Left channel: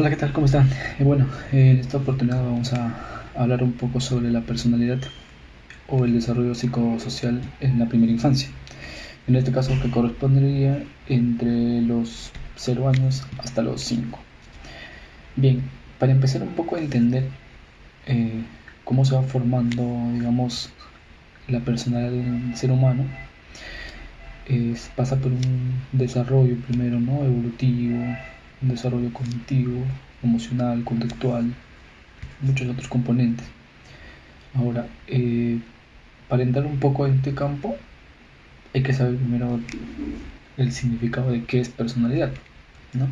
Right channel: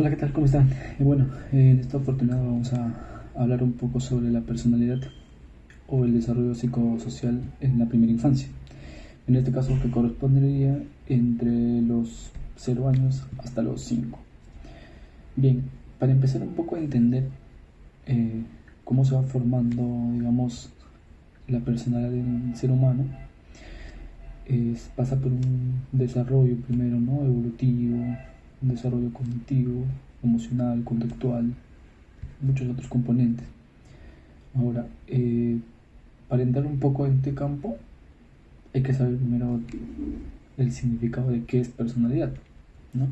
Hola, ¿qué tal? ¿Cómo están? Bueno, en esta oportunidad vamos a hablar un poco sobre la personalidad o el desarrollo psicosocial en la primera infancia. En este caso, que correspondería entre los 0 años hasta los 5. Bien, para empezar un poco a entender eh, cómo se va formando, digamos, la personalidad del ser humano, pasa por un desarrollo primero, ¿no? Evolutivo, un desarrollo cognitivo, emocional, conductual, muchos otros componentes. Ahora, para entrar un poco en este campo, hay que saber primero el significado de qué es personalidad, ¿no?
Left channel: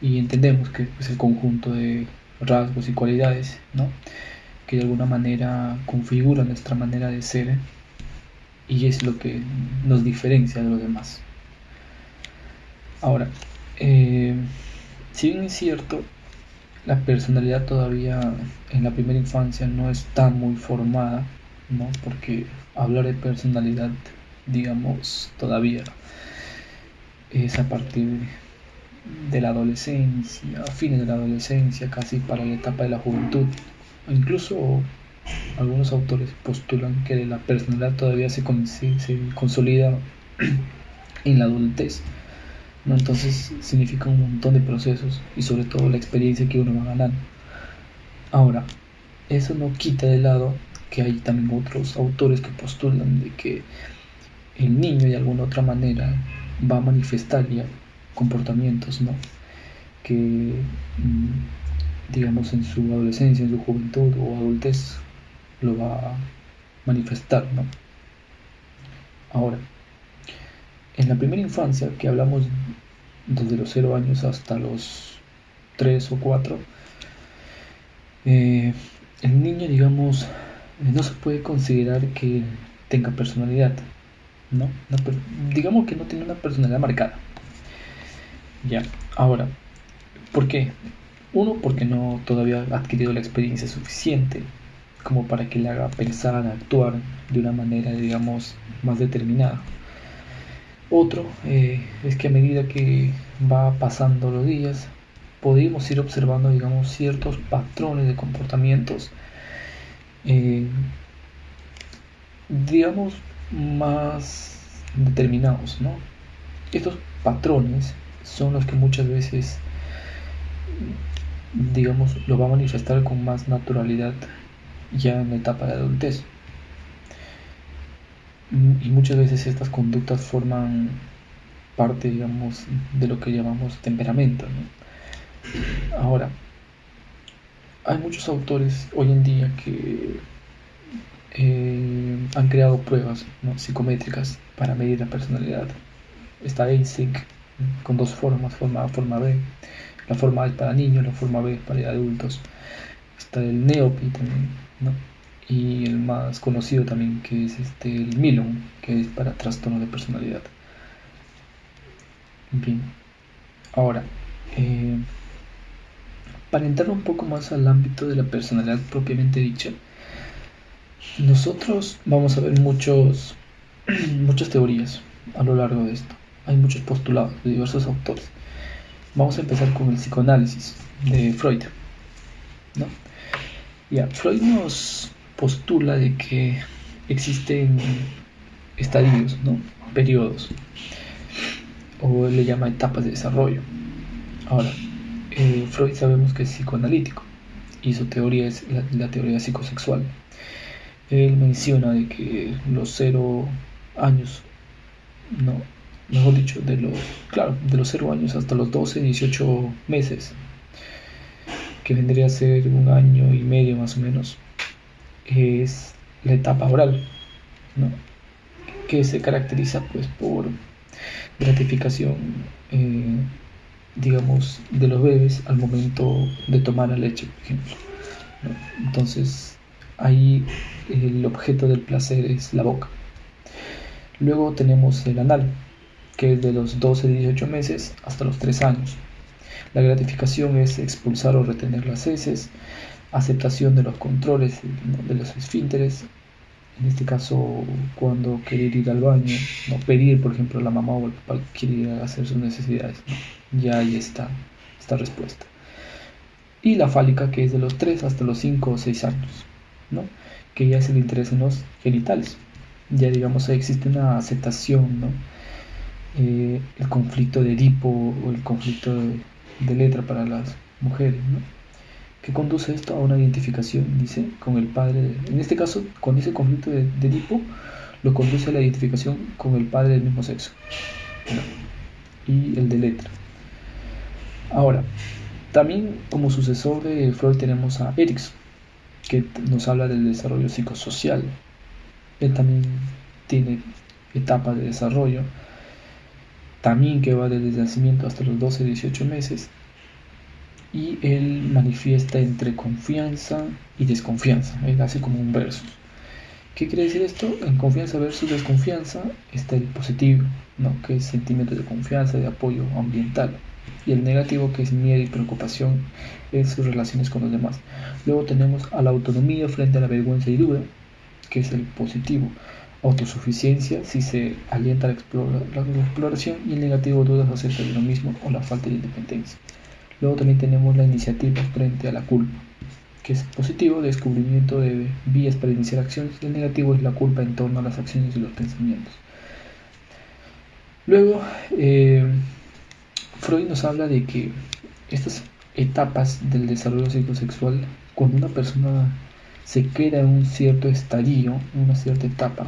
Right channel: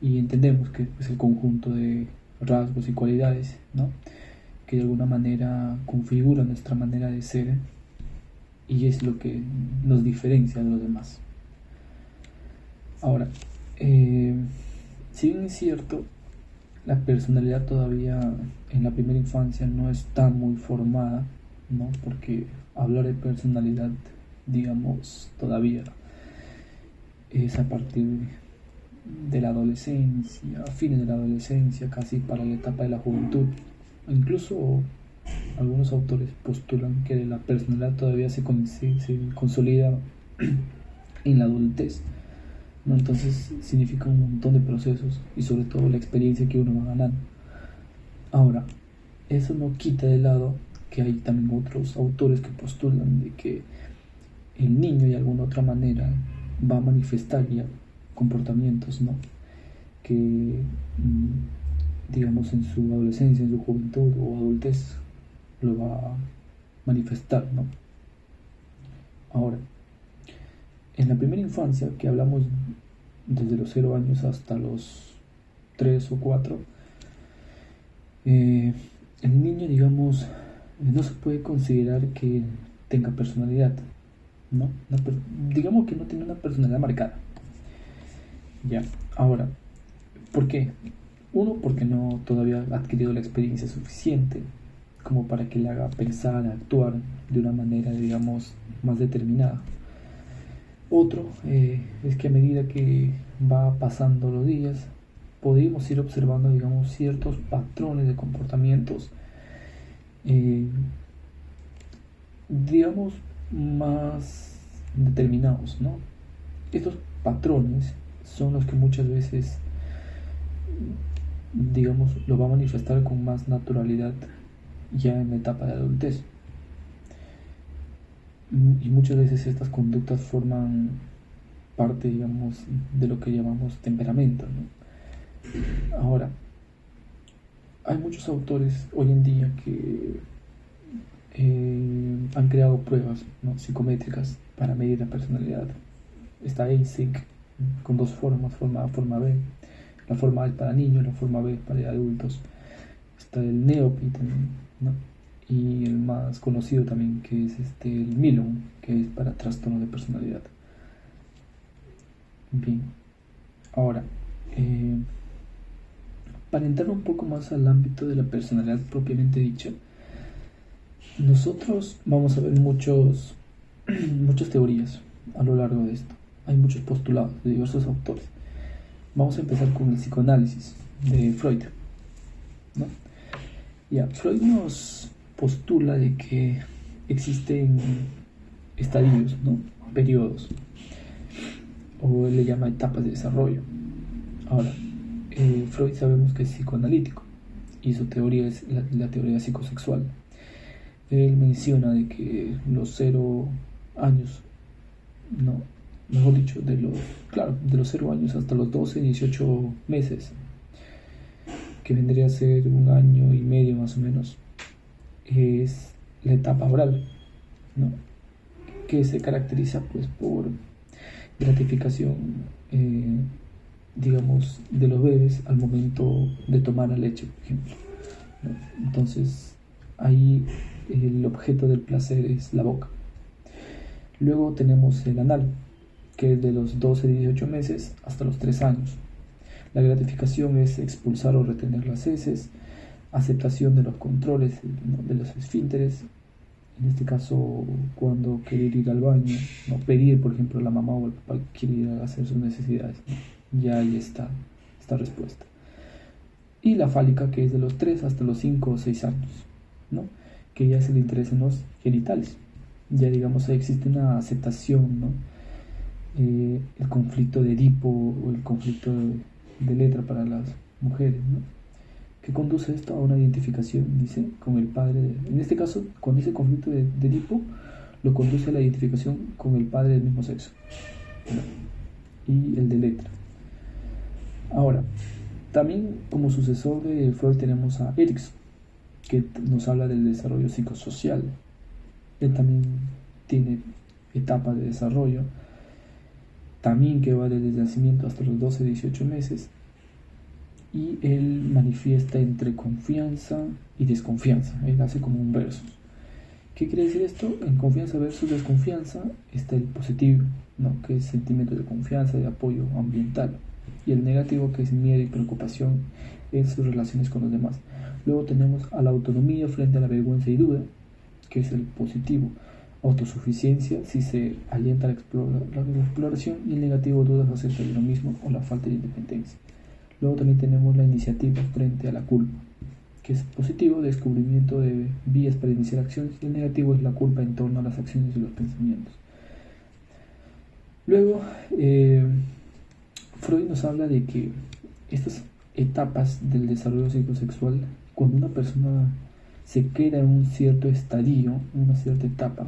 Y entendemos que es el conjunto de rasgos y cualidades, ¿no? Que de alguna manera configuran nuestra manera de ser y es lo que nos diferencia de los demás. Ahora, eh, si bien es cierto, la personalidad todavía en la primera infancia no está muy formada, ¿no? Porque hablar de personalidad, digamos, todavía es a partir de la adolescencia, a fines de la adolescencia, casi para la etapa de la juventud. Incluso algunos autores postulan que la personalidad todavía se consolida en la adultez, ¿no? Entonces significa un montón de procesos y sobre todo la experiencia que uno va ganando. Ahora, eso no quita de lado que hay también otros autores que postulan de que el niño de alguna otra manera va a manifestar ya comportamientos, ¿no? Que digamos en su adolescencia, en su juventud o adultez lo va a manifestar, ¿no? Ahora, en la primera infancia, que hablamos desde los 0 años hasta los 3 o 4, el niño, digamos, no se puede considerar que tenga personalidad, ¿no? Digamos que no tiene una personalidad marcada. Ya, ahora, ¿por qué? Uno, porque no todavía ha adquirido la experiencia suficiente como para que le haga pensar, actuar de una manera, digamos, más determinada. Otro es que a medida que va pasando los días, podemos ir observando, digamos, ciertos patrones de comportamientos, eh, digamos, más determinados, ¿no? Estos patrones son los que muchas veces, digamos, lo va a manifestar con más naturalidad ya en la etapa de adultez. Y muchas veces estas conductas forman parte, digamos, de lo que llamamos temperamento, ¿no? Ahora, hay muchos autores hoy en día que han creado pruebas, ¿no? Psicométricas para medir la personalidad. Está ASIC con dos formas, forma A, forma B. La forma A es para niños, la forma B es para adultos. Está el NEOPI también, ¿no? Y el más conocido también, que es el Milon, que es para trastorno de personalidad. Bien, ahora, eh, para entrar un poco más al ámbito de la personalidad propiamente dicha, nosotros vamos a ver muchas teorías a lo largo de esto. Hay muchos postulados de diversos autores. Vamos a empezar con el psicoanálisis de Freud, ¿no? Ya, Freud nos postula de que existen estadios, ¿no? Periodos, o él le llama etapas de desarrollo. Ahora, Freud sabemos que es psicoanalítico y su teoría es la teoría psicosexual. Él menciona de que los 0 años, no, mejor dicho, de los 0 años hasta los 12, 18 meses, que vendría a ser un año y medio más o menos, es la etapa oral, ¿no? Que se caracteriza pues por gratificación, eh, digamos, de los bebés al momento de tomar la leche, por ejemplo, ¿no? Entonces, ahí el objeto del placer es la boca. Luego tenemos el anal, que es de los 12 18 meses hasta los 3 años. La gratificación es expulsar o retener las heces, aceptación de los controles, ¿no? De los esfínteres, en este caso cuando querer ir al baño, no pedir por ejemplo a la mamá o el papá quiere ir a hacer sus necesidades, ¿no? Ya ahí está esta respuesta. y la fálica, que es de los 3 hasta los 5 o 6 años, ¿no? Que ya es el interés en los genitales. Ya digamos existe una aceptación, ¿no? El conflicto de Edipo o el conflicto de letra para las mujeres, ¿no? Que conduce esto a una identificación, dice, con el padre. En este caso, con ese conflicto de Edipo, lo conduce a la identificación con el padre del mismo sexo, ¿no? Y el de letra. Ahora, también como sucesor de Freud tenemos a Erikson, que nos habla del desarrollo psicosocial. Él también tiene etapas de desarrollo, también que va desde el nacimiento hasta los 12-18 meses, y él manifiesta entre confianza y desconfianza. Él hace como un versus. ¿Qué quiere decir esto? En confianza versus desconfianza está el positivo, ¿no? Que es sentimiento de confianza, de apoyo ambiental. Y el negativo, que es miedo y preocupación en sus relaciones con los demás. Luego tenemos a la autonomía frente a la vergüenza y duda, que es el positivo. Autosuficiencia, si se alienta la exploración, y el negativo, dudas acerca de lo mismo o la falta de independencia. Luego también tenemos la iniciativa frente a la culpa, que es positivo, descubrimiento de vías para iniciar acciones, y el negativo es la culpa en torno a las acciones y los pensamientos. Luego, Freud nos habla de que estas etapas del desarrollo psicosexual, cuando una persona se queda en un cierto estadio, en una cierta etapa,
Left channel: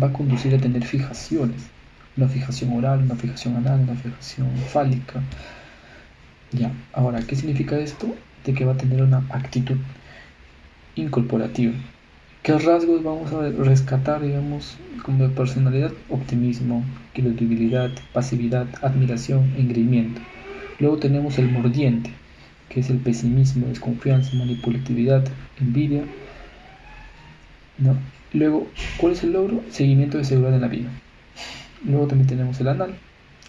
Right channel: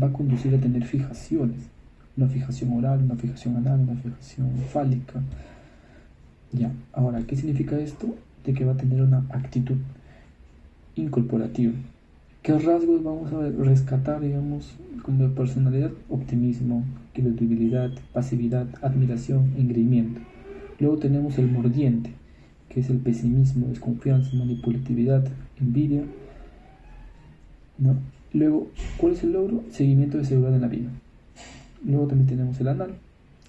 va a conducir a tener fijaciones, una fijación oral, una fijación anal, una fijación fálica. Ya, ahora, ¿qué significa esto? De que va a tener una actitud incorporativa. ¿Qué rasgos vamos a rescatar, digamos, como personalidad? Optimismo, credibilidad, pasividad, admiración, engreimiento. Luego tenemos el mordiente, que es el pesimismo, desconfianza, manipulatividad, envidia, ¿no? Luego, ¿cuál es el logro? Seguimiento de seguridad en la vida. Luego también tenemos el anal,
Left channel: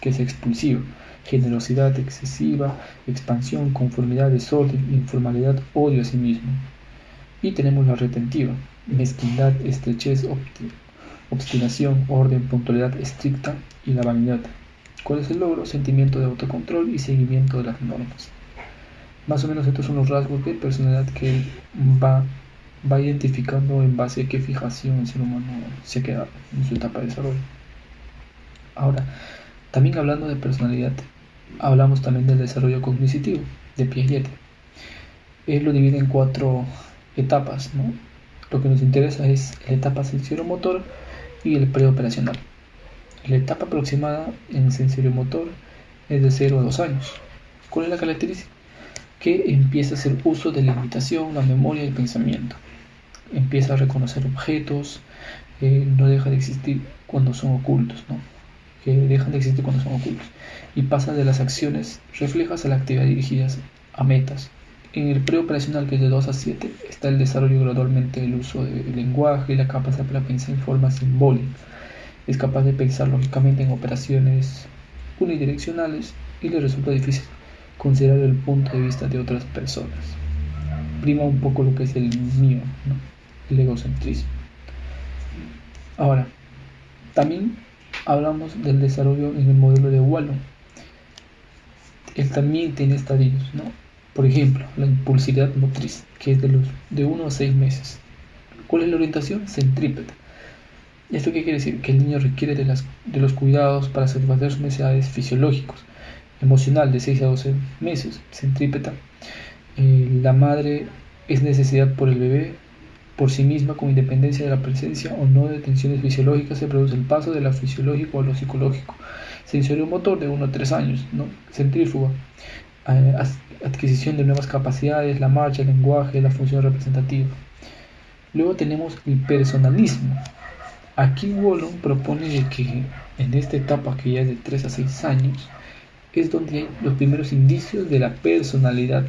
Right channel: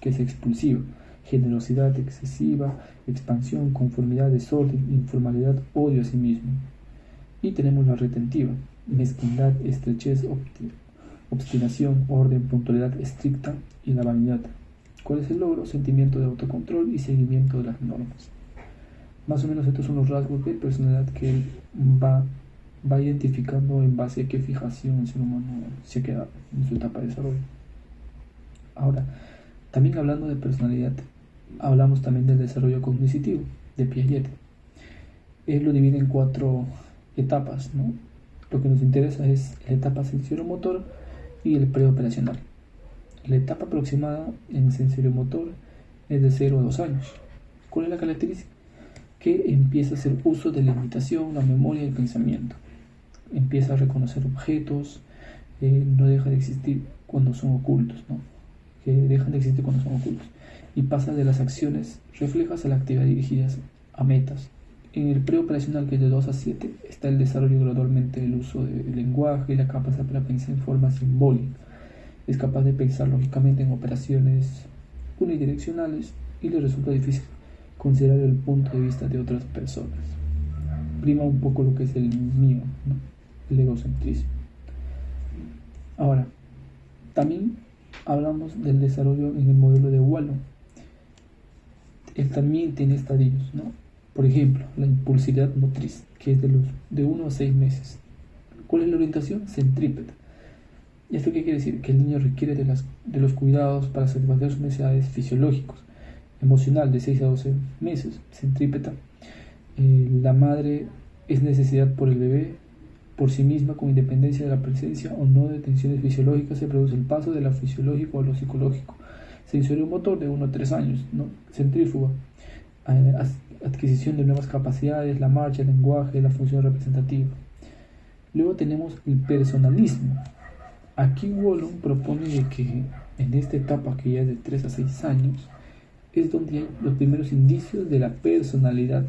que es expulsivo, generosidad excesiva, expansión, conformidad, desorden, informalidad, odio a sí mismo. Y tenemos la retentiva, mezquindad, estrechez, obstinación, orden, puntualidad estricta y la vanidad. ¿Cuál es el logro? Sentimiento de autocontrol y seguimiento de las normas. Más o menos estos son los rasgos de personalidad que él va identificando en base a qué fijación el ser humano se queda en su etapa de desarrollo. Ahora, también hablando de personalidad, hablamos también del desarrollo cognitivo de Piaget. Él lo divide en 4 etapas, ¿no? Lo que nos interesa es la etapa sensorial-motor y el preoperacional. La etapa aproximada en sensorial-motor es de 0 a 2 años. ¿Cuál es la característica? Que empieza a hacer uso de la imitación, la memoria y el pensamiento. Empieza a reconocer objetos, no deja de existir cuando son ocultos, ¿no? Que dejan de existir cuando son ocultos. Y pasa de las acciones reflejas a la actividad dirigidas a metas. En el preoperacional, que es de 2 a 7, está el desarrollo gradualmente del uso del lenguaje y la capacidad para pensar en forma simbólica. Es capaz de pensar lógicamente en operaciones unidireccionales y le resulta difícil considerar el punto de vista de otras personas. Prima un poco lo que es el mío, ¿no? El egocentrismo. Ahora, también hablamos del desarrollo en el modelo de Wallon. Él también tiene estadios, ¿no? Por ejemplo, la impulsividad motriz, que es de 1 a 6 meses. ¿Cuál es la orientación? Centrípeta. ¿Esto qué quiere decir? Que el niño requiere de los cuidados para satisfacer sus necesidades fisiológicos. Emocional, de 6 a 12 meses, centrípeta. La madre es necesidad por el bebé, por sí misma, con independencia de la presencia o no de tensiones fisiológicas. Se produce el paso de lo fisiológico a lo psicológico. Sensorio motor de 1 a 3 años, ¿no? Centrífuga, adquisición de nuevas capacidades, la marcha, el lenguaje, la función representativa. Luego tenemos el personalismo. Aquí Wallon propone de que en esta etapa, que ya es de 3 a 6 años, es donde hay los primeros indicios de la personalidad.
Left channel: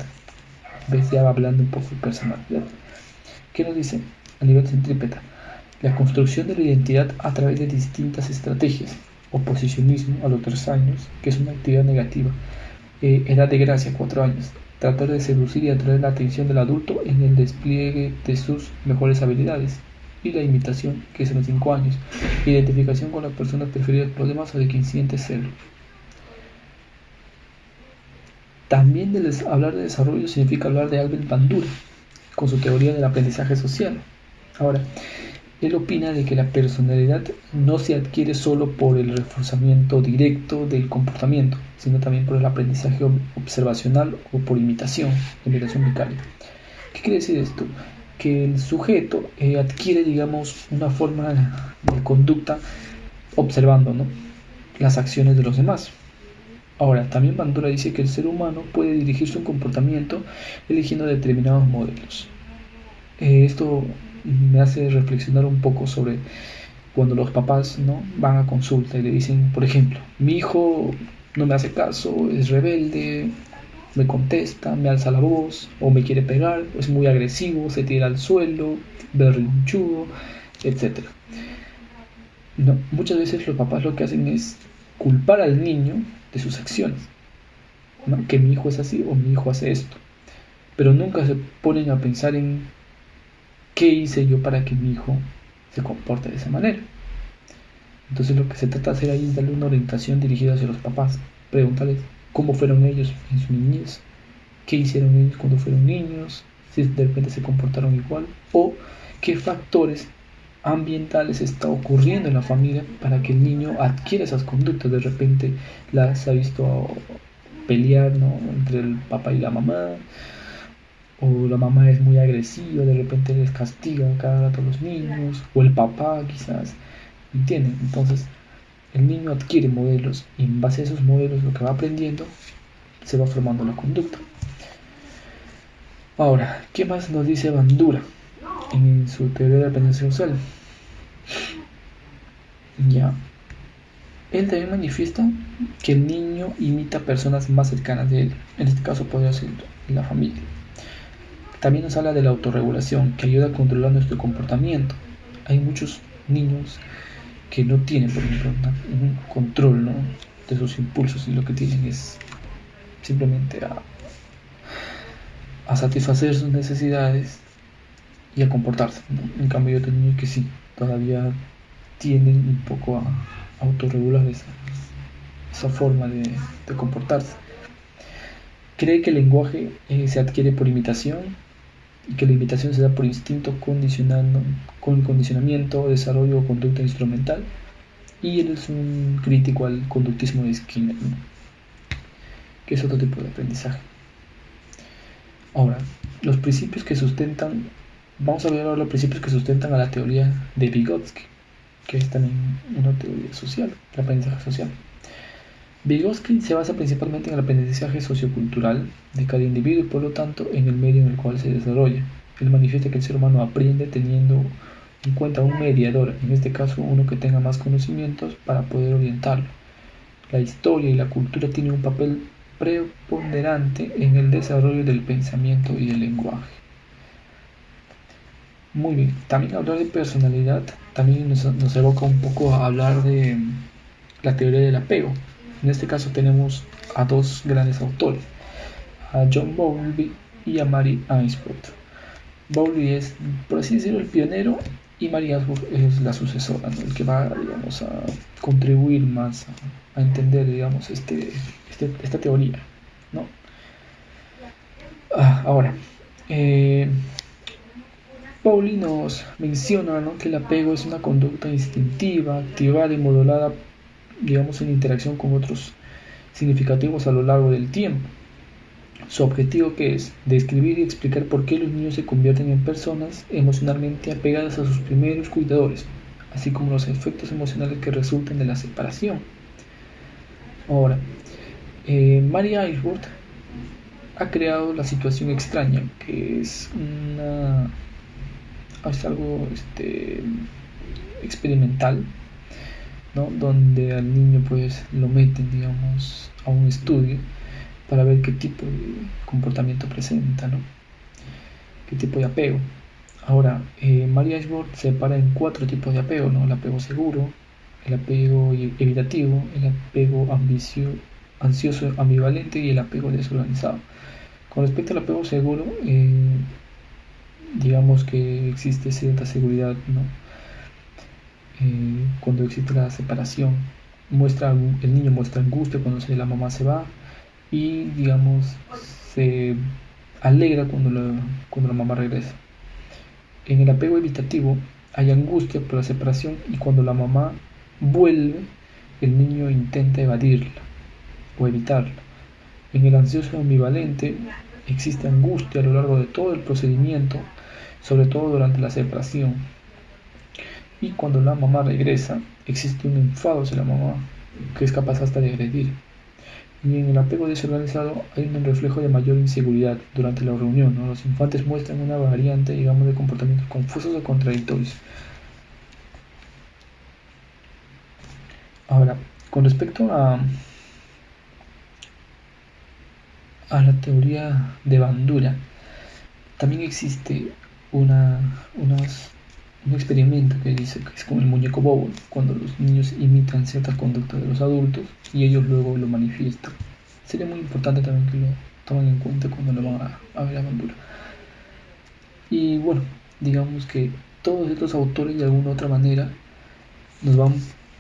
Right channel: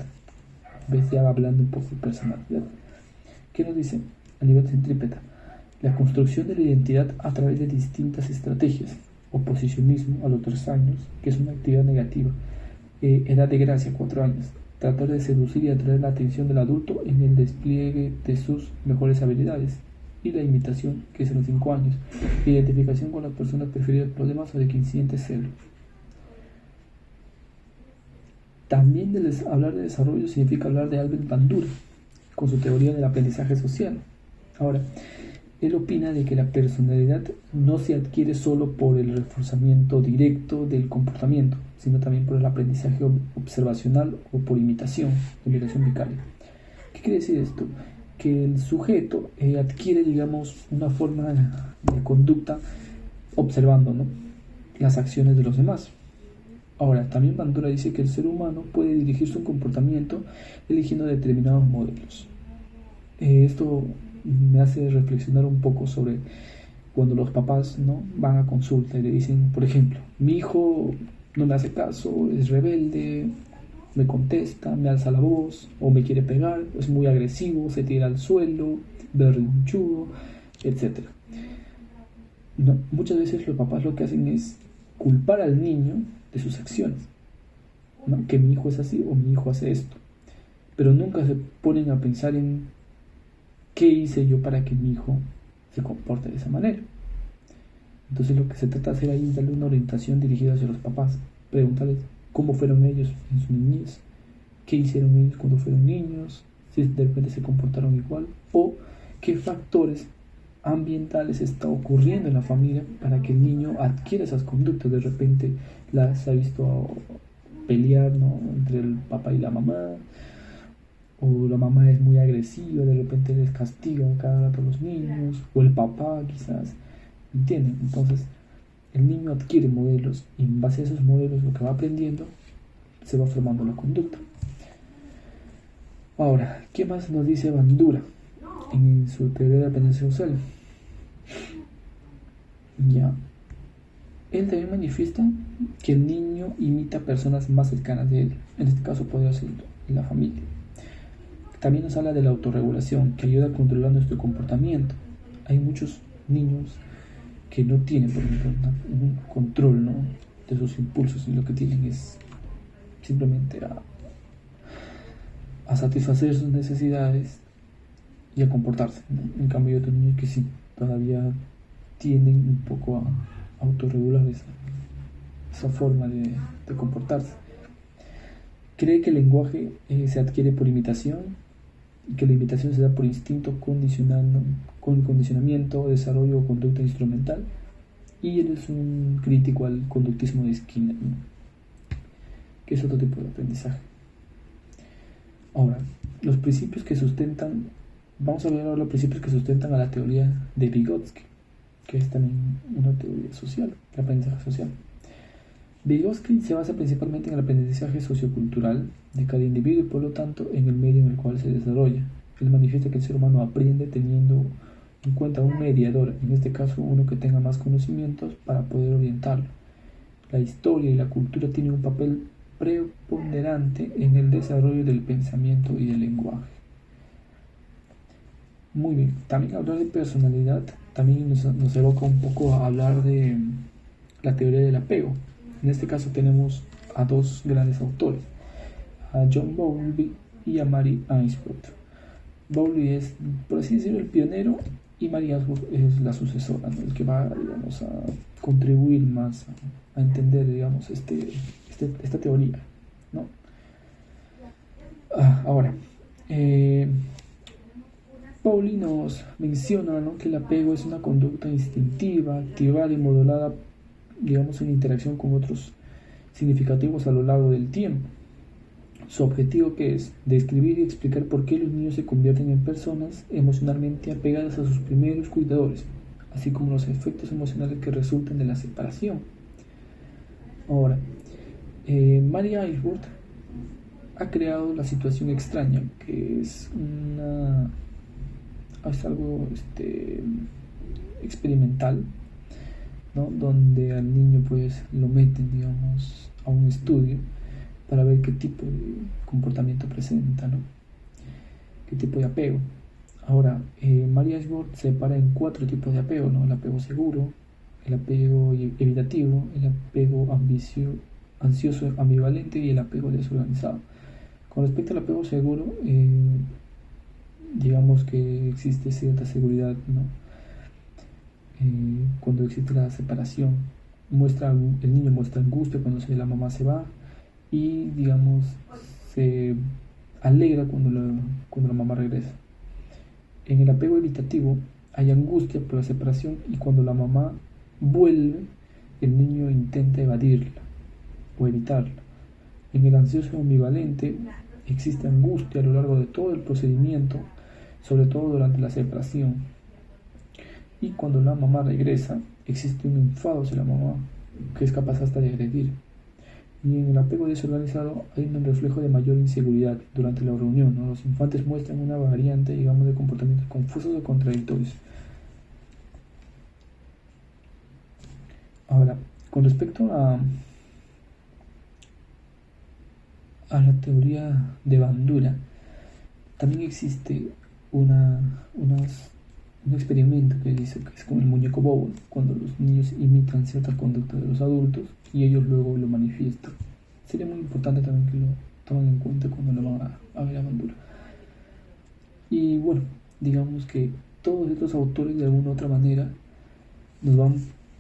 ¿Ves? Ya va hablando un poco de personalidad. ¿Qué nos dice? A nivel centrípeta, la construcción de la identidad a través de distintas estrategias. Oposicionismo a los 3 años, que es una actividad negativa. Edad de gracia, 4 años. Tratar de seducir y atraer la atención del adulto en el despliegue de sus mejores habilidades. Y la imitación, que es a los 5 años. Identificación con la persona preferida por los demás o de quien siente serlo. También hablar de desarrollo significa hablar de Albert Bandura, con su teoría del aprendizaje social. Ahora, él opina de que la personalidad no se adquiere solo por el reforzamiento directo del comportamiento, sino también por el aprendizaje observacional o por imitación vicaria. ¿Qué quiere decir esto? Que el sujeto adquiere, digamos, una forma de conducta observando, ¿no?, las acciones de los demás. Ahora, también Bandura dice que el ser humano puede dirigir su comportamiento eligiendo determinados modelos. Esto me hace reflexionar un poco sobre cuando los papás, ¿no?, van a consulta y le dicen, por ejemplo, mi hijo no me hace caso, es rebelde, me contesta, me alza la voz, o me quiere pegar, es muy agresivo, se tira al suelo, berrinchudo, etc. No, muchas veces los papás lo que hacen es culpar al niño de sus acciones, ¿no?, que mi hijo es así o mi hijo hace esto, pero nunca se ponen a pensar en qué hice yo para que mi hijo se comporte de esa manera. Entonces lo que se trata de hacer ahí es darle una orientación dirigida hacia los papás, preguntarles cómo fueron ellos en su niñez, qué hicieron ellos cuando fueron niños, si de repente se comportaron igual, o qué factores ambientales está ocurriendo en la familia para que el niño adquiera esas conductas. De repente las ha visto pelear, ¿no?, entre el papá y la mamá, o la mamá es muy agresiva, de repente les castiga cada rato a los niños, o el papá quizás, ¿entienden? Entonces el niño adquiere modelos y en base a esos modelos lo que va aprendiendo se va formando la conducta. Ahora, ¿qué más nos dice Bandura en su teoría de la aprendizaje social? Ya, él también manifiesta que el niño imita personas más cercanas de él, en este caso podría ser la familia. También nos habla de la autorregulación, que ayuda a controlar nuestro comportamiento. Hay muchos niños que no tienen, por ejemplo, un control, ¿no?, de sus impulsos, y lo que tienen es simplemente a satisfacer sus necesidades y a comportarse, ¿no? En cambio, hay otros niños que sí, todavía tienen un poco a autorregular esa forma de comportarse. Cree que el lenguaje se adquiere por imitación, y que la imitación se da por instinto con condicionamiento, desarrollo o conducta instrumental, y él es un crítico al conductismo de Skinner, ¿no?, que es otro tipo de aprendizaje. Ahora, los principios que sustentan, vamos a ver ahora los principios que sustentan a la teoría de Vygotsky, que es también una teoría social, el aprendizaje social. Vygotsky se basa principalmente en el aprendizaje sociocultural de cada individuo y por lo tanto en el medio en el cual se desarrolla. Él manifiesta que el ser humano aprende teniendo en cuenta un mediador, en este caso uno que tenga más conocimientos para poder orientarlo. La historia y la cultura tienen un papel preponderante en el desarrollo del pensamiento y del lenguaje. Muy bien, también hablar de personalidad también nos evoca un poco a hablar de la teoría del apego. En este caso tenemos a dos grandes autores, a John Bowlby y a Mary Ainsworth. Bowlby es, por así decirlo, el pionero, y Mary Ainsworth es la sucesora, ¿no?, el que va, digamos, a contribuir más a entender, digamos, esta teoría, ¿no? Ahora, Bowlby nos menciona, ¿no?, que el apego es una conducta instintiva, activada y modulada, digamos, en interacción con otros significativos a lo largo del tiempo. Su objetivo, que es describir y explicar por qué los niños se convierten en personas emocionalmente apegadas a sus primeros cuidadores, así como los efectos emocionales que resultan de la separación. Ahora, Mary Ainsworth ha creado la situación extraña, que es algo experimental, ¿no?, donde al niño pues lo meten, digamos, a un estudio para ver qué tipo de comportamiento presenta, ¿no?, qué tipo de apego. Ahora, Mary Ainsworth separa en 4 tipos de apego, ¿no?, el apego seguro, el apego evitativo, el apego ansioso ambivalente y el apego desorganizado. Con respecto al apego seguro, digamos que existe cierta seguridad, ¿no?, cuando existe la separación. El niño muestra angustia cuando la mamá se va, y, digamos, se alegra cuando la mamá regresa. En el apego evitativo hay angustia por la separación y cuando la mamá vuelve, el niño intenta evadirla o evitarla. En el ansioso ambivalente existe angustia a lo largo de todo el procedimiento, sobre todo durante la separación. Y cuando la mamá regresa, existe un enfado hacia la mamá, que es capaz hasta de agredir. Y en el apego desorganizado hay un reflejo de mayor inseguridad durante la reunión, ¿no? Los infantes muestran una variante, digamos, de comportamientos confusos o contradictorios. Ahora, con respecto a la teoría de Bandura, también existe una, unas- un experimento que dice que es con el muñeco bobo, cuando los niños imitan ciertas conductas de los adultos y ellos luego lo manifiestan. Sería muy importante también que lo tomen en cuenta cuando lo van a ver a Bandura. Y bueno, digamos que todos estos autores de alguna u otra manera nos van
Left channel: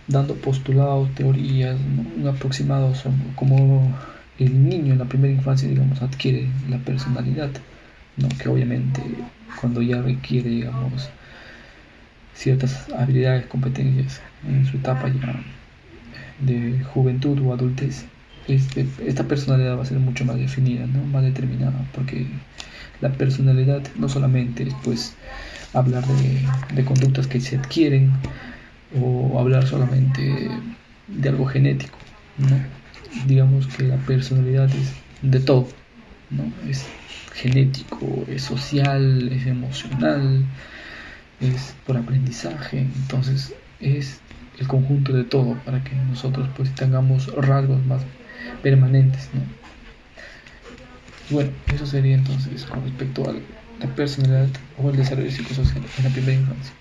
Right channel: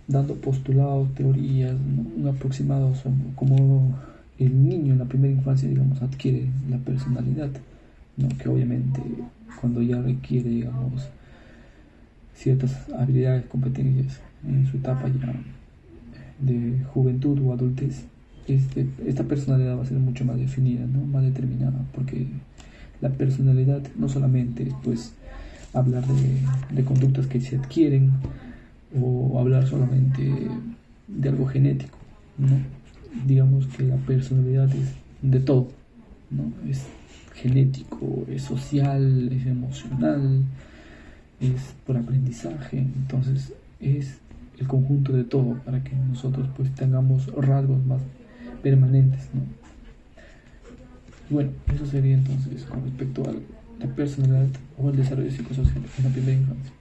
dando postulados, teorías, ¿no? Un aproximado sobre cómo el niño en la primera infancia, digamos, adquiere la personalidad, ¿no? Que obviamente cuando ya requiere, digamos, ciertas habilidades, competencias en su etapa ya de juventud o adultez, esta personalidad va a ser mucho más definida, ¿no? Más determinada, porque la personalidad no solamente es pues hablar de conductas que se adquieren o hablar solamente de algo genético, ¿no? Digamos que la personalidad es de todo, ¿no? Es genético, es social, es emocional, es por aprendizaje, entonces es el conjunto de todo para que nosotros pues tengamos rasgos más permanentes, ¿no? Bueno, eso sería entonces con respecto a la personalidad o el desarrollo psicosocial en la primera infancia.